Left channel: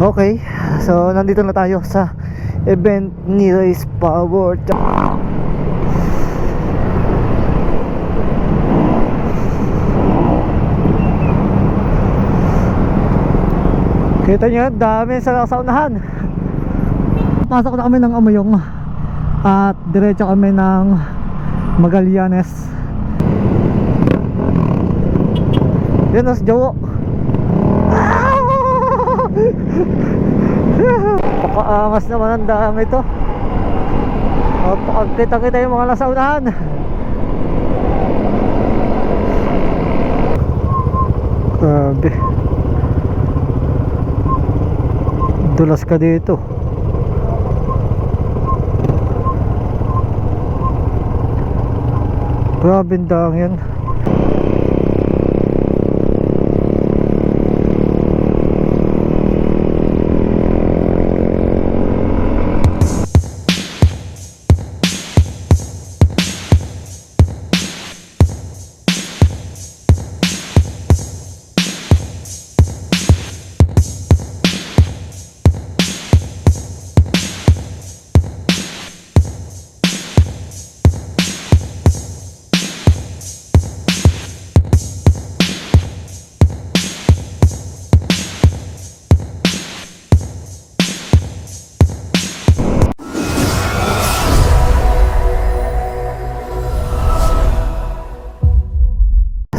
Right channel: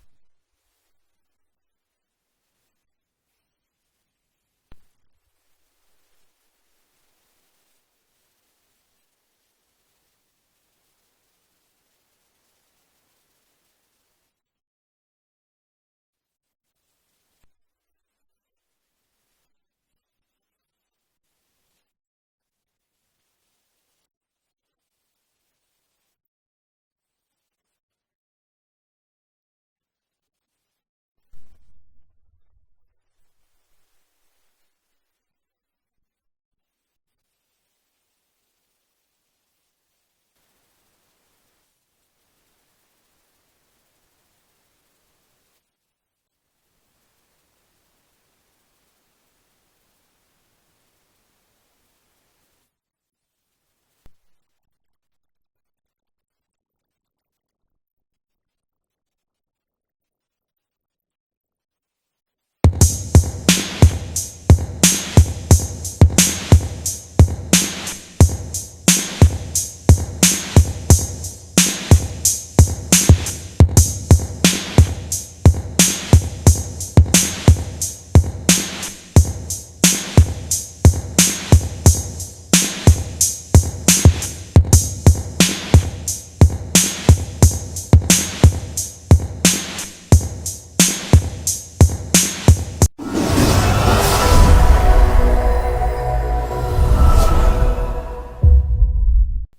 Okay, so nandito na tayo sa event ni Race Power. Kita nyo, dami sa unahan. Pasok na kami ng Amoyong at diretso kami ng Magallanes. Yun o, si Jowo. Pakaangas naman ang dami ito. Kita-kita yung mga nasa unahan. Grabe, dulas ka dito. Grabe ang dami yan.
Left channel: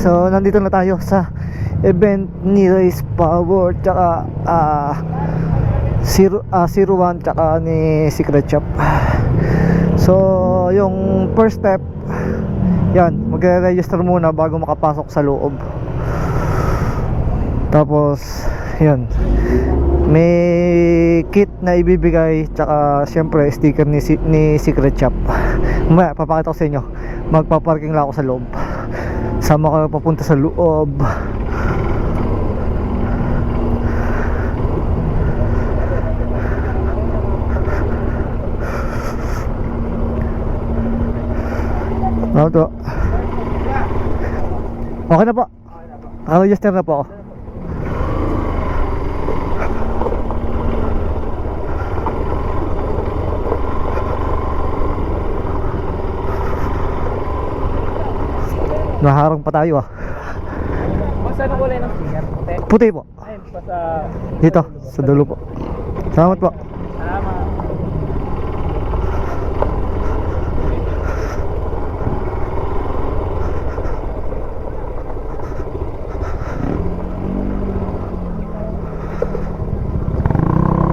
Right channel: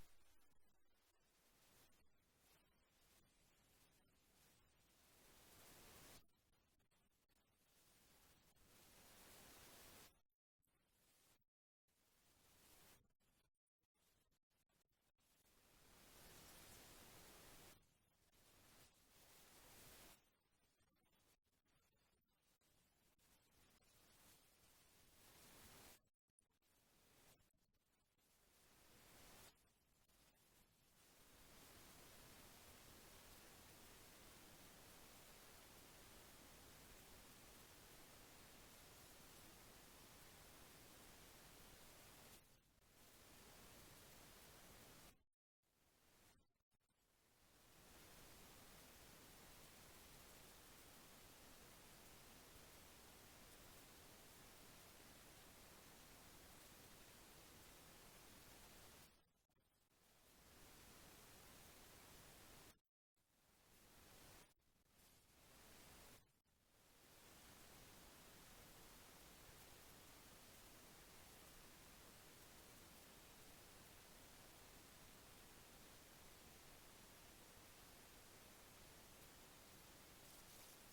So nandito na tayo sa event ni Race Power tsaka 01 tsaka ni Secret Shop. So yung first step, yan, magre-register muna bago makapasok sa loob. Tapos yan, may kit na ibibigay tsaka syempre sticker ni Secret Shop. Mamaya papakita ko sa inyo. Magpaparking lang ako sa loob. Sama ka papunta sa loob. Ano to? Okay na po. Naka-register na po ako. Naharang pa tayo Saan ang kulay ng sticker? Puti? Puti po. Ay, sa... Dito, sa dulo po. Salamat po. Salamat.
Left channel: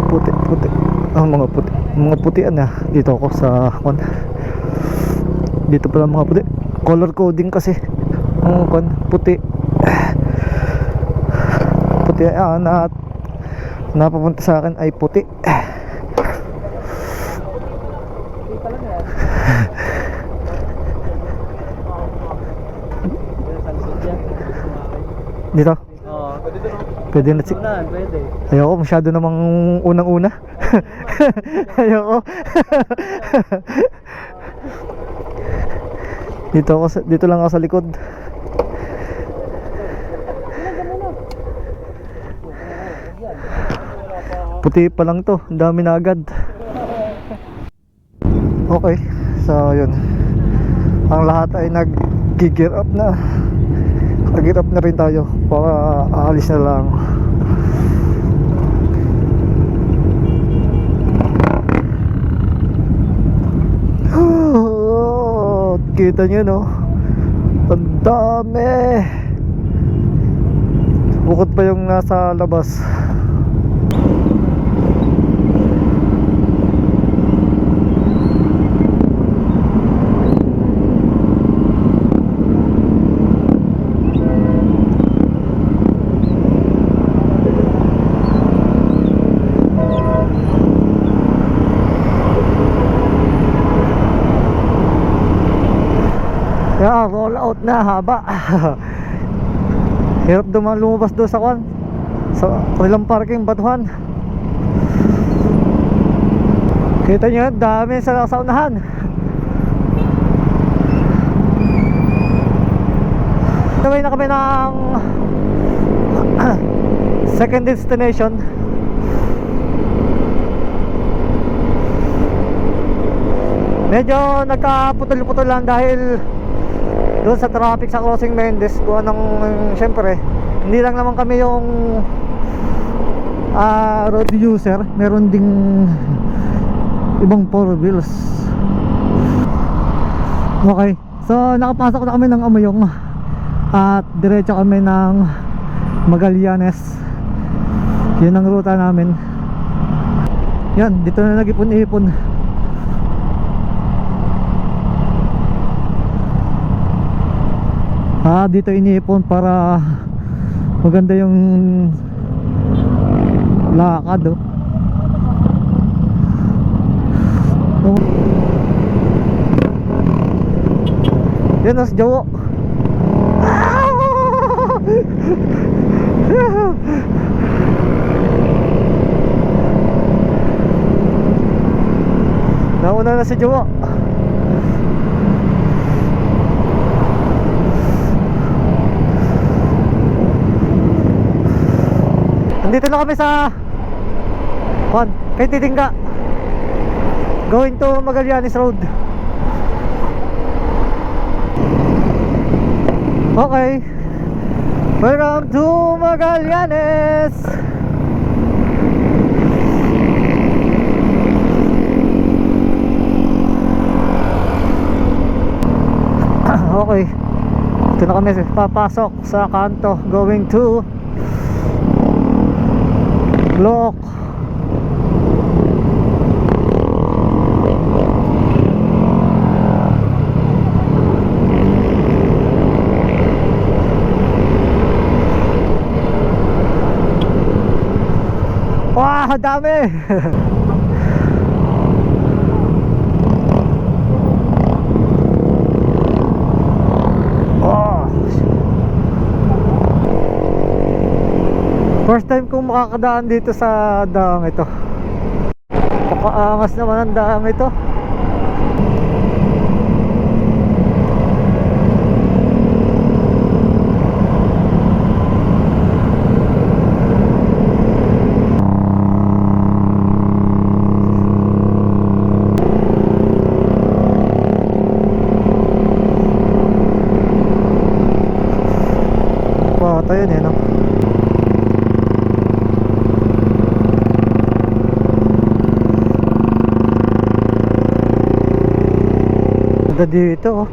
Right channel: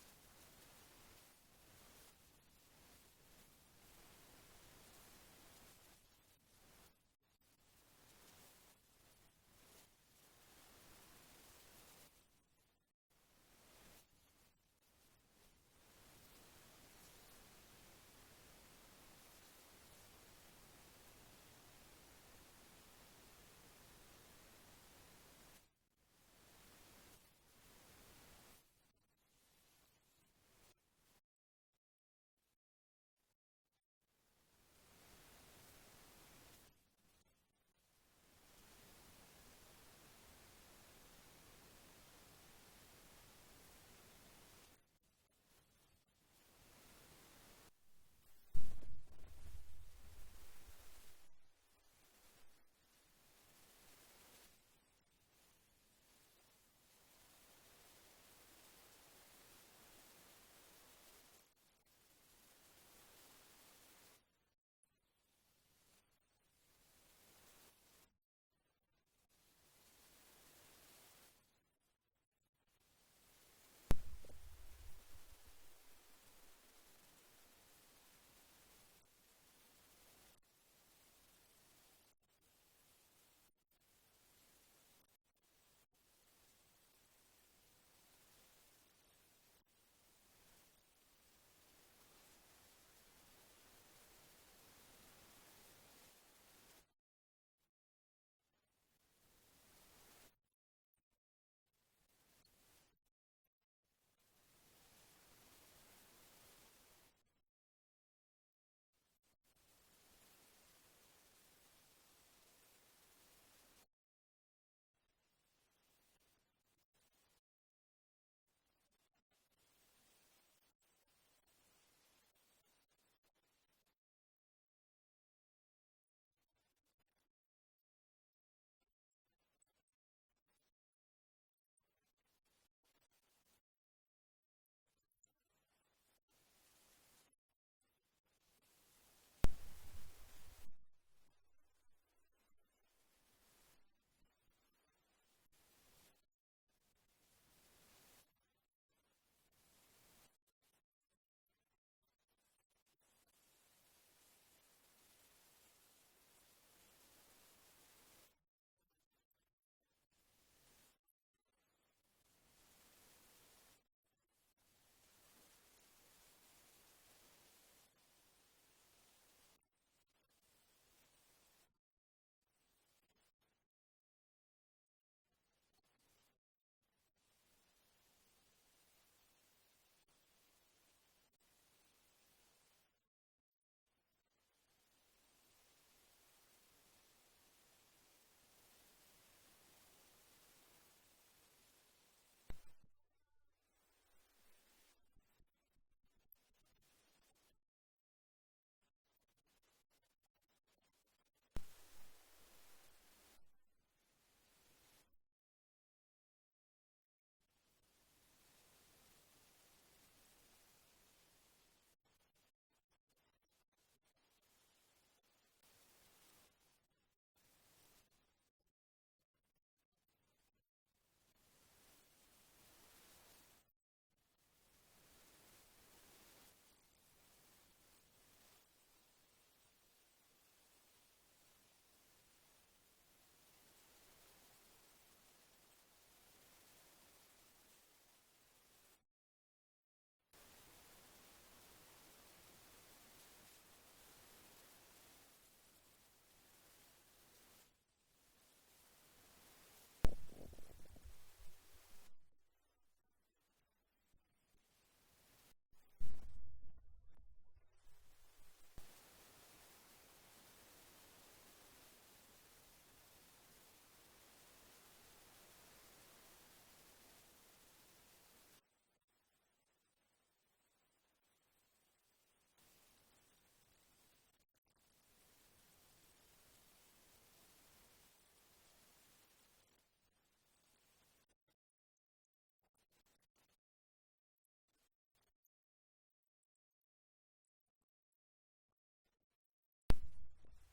Puti. Mga puti. Mga putian na. Dito ako sa dito pala mga puti. Color coding kasi. Puti. Puti na napapunta sa akin ay puti. Dito? Oo. Pwede na Pwede. Ayoko, masyado namang unang-una. Ayoko. Dito lang ako sa likod. Puti pa lang to, ang dami na agad. Okay, so yun. Ang lahat ay nag-gear up na. Nag-gear up na rin tayo para aalis na lang. Kita nyo no, ang dami. Bukod pa yung nasa labas. Yeah, roll out na haba. Hirap lumabas doon sa ilang parking batuhan. Kita nyo, dami sa unahan. Naway na kami ng second destination. Medyo nagkaputol-putol lang dahil doon sa traffic sa Crossing Mendes. Kung anong, syempre hindi lang naman kami yung road user, meron ding ibang four wheels. Okay, so nakapasok na kami ng Amoyong at diretso kami ng Magallanes. Yun ang ruta namin. Yan, dito na nag-ipon-ipon. Dito iniipon para maganda yung lakad, oh. Yan na si Jowo. Nauna na si Jowo. Nandito na kami sa kay Titingga, going to Magallanes Road. Okay, welcome to Magallanes. Okay, ito na kami papasok sa kanto, going to Lock. Wah, dami. First time kong makakadaan dito sa daang ito. Pakaangas naman ang daang ito. Patay yun, no? Dito, oh.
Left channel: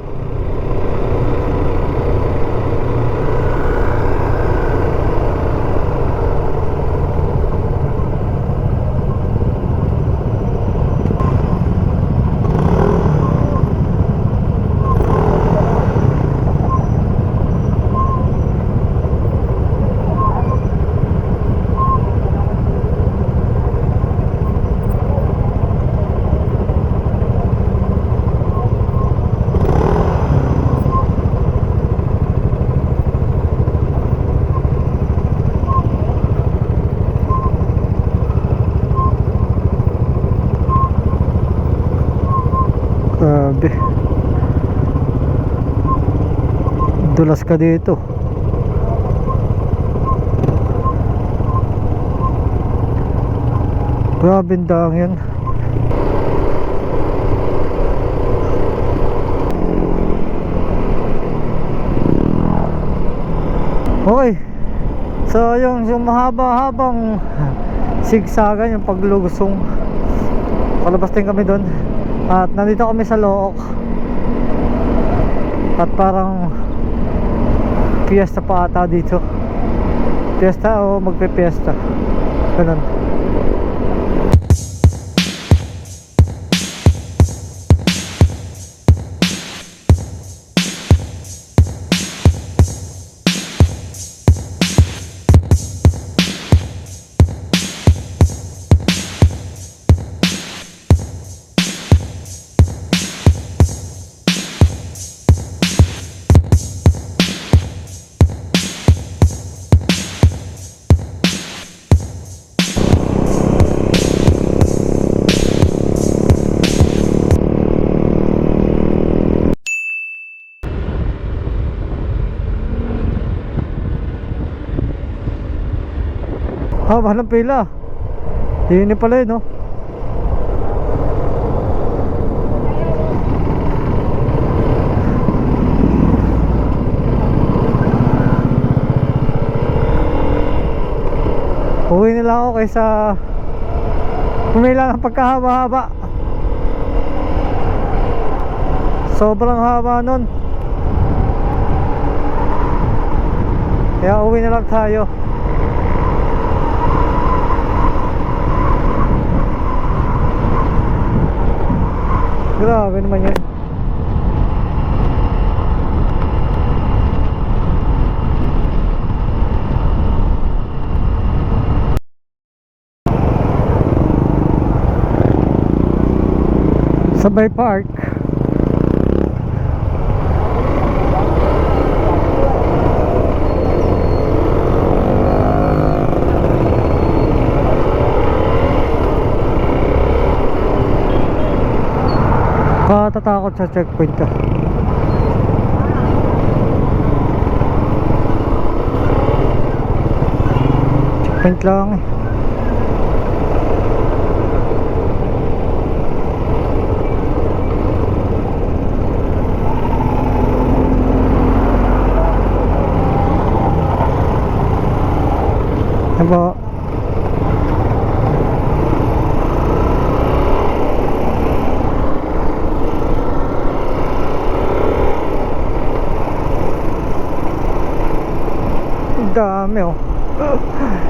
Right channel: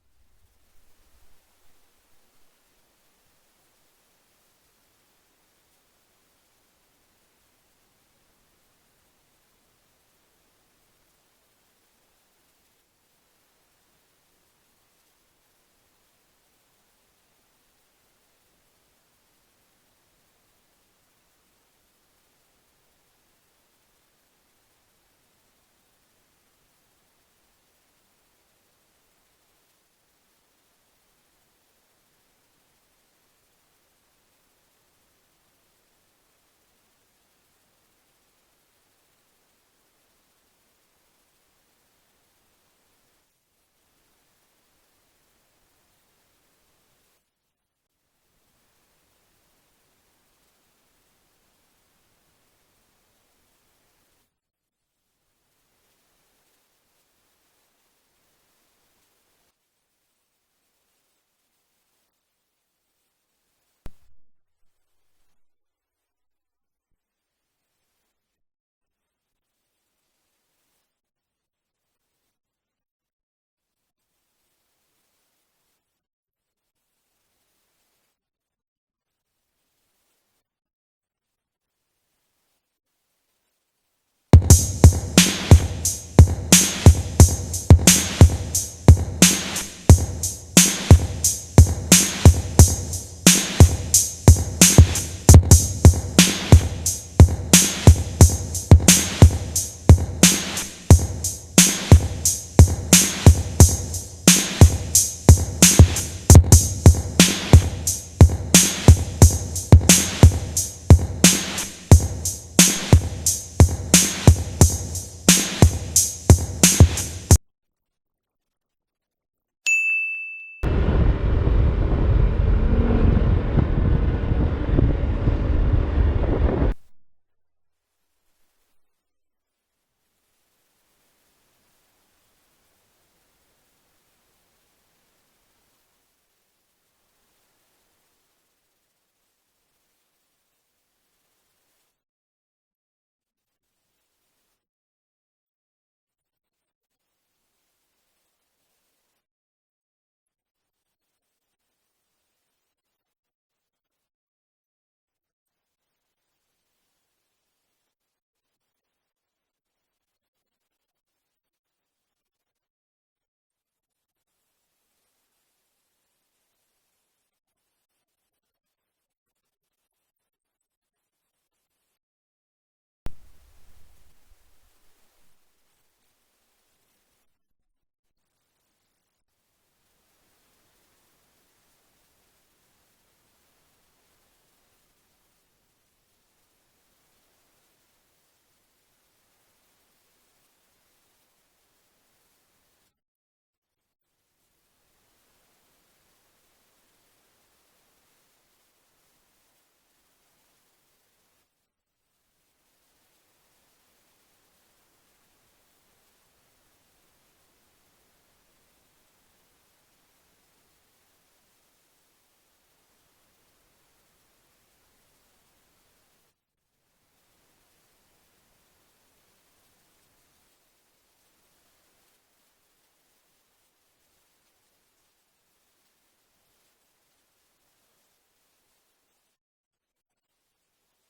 Grabe, dulas ka dito. Grabe ang daang yan. Okay, so yung mahaba-habang sigsagan, yung paglusong, palabas din kami doon. At nandito kami sa Look. At parang fiesta pa ata dito. Fiesta o magpe-fiesta, ganun. Mahal ng pila. Hindi pala yun, no? Uwi na lang ako kaysa pumila ng pagkahaba-haba. Sobrang haba nun. Kaya uwi na lang tayo. Grabe naman yun. Sabay Park. Katatakot sa checkpoint ka. Checkpoint lang eh. Diba? Dami oh.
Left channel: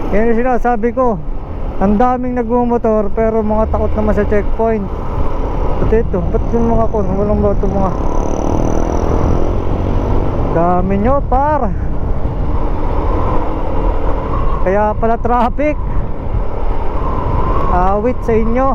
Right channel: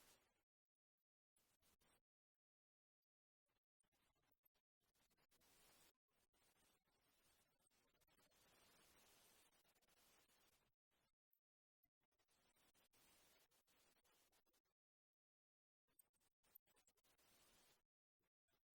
Yan yung sinasabi ko. Ang daming nagmumotor pero mga takot naman sa checkpoint. Pati ito, ba't yung mga kon? Walang ba ito mga dami nyo par. Kaya pala traffic. Awit sa inyo.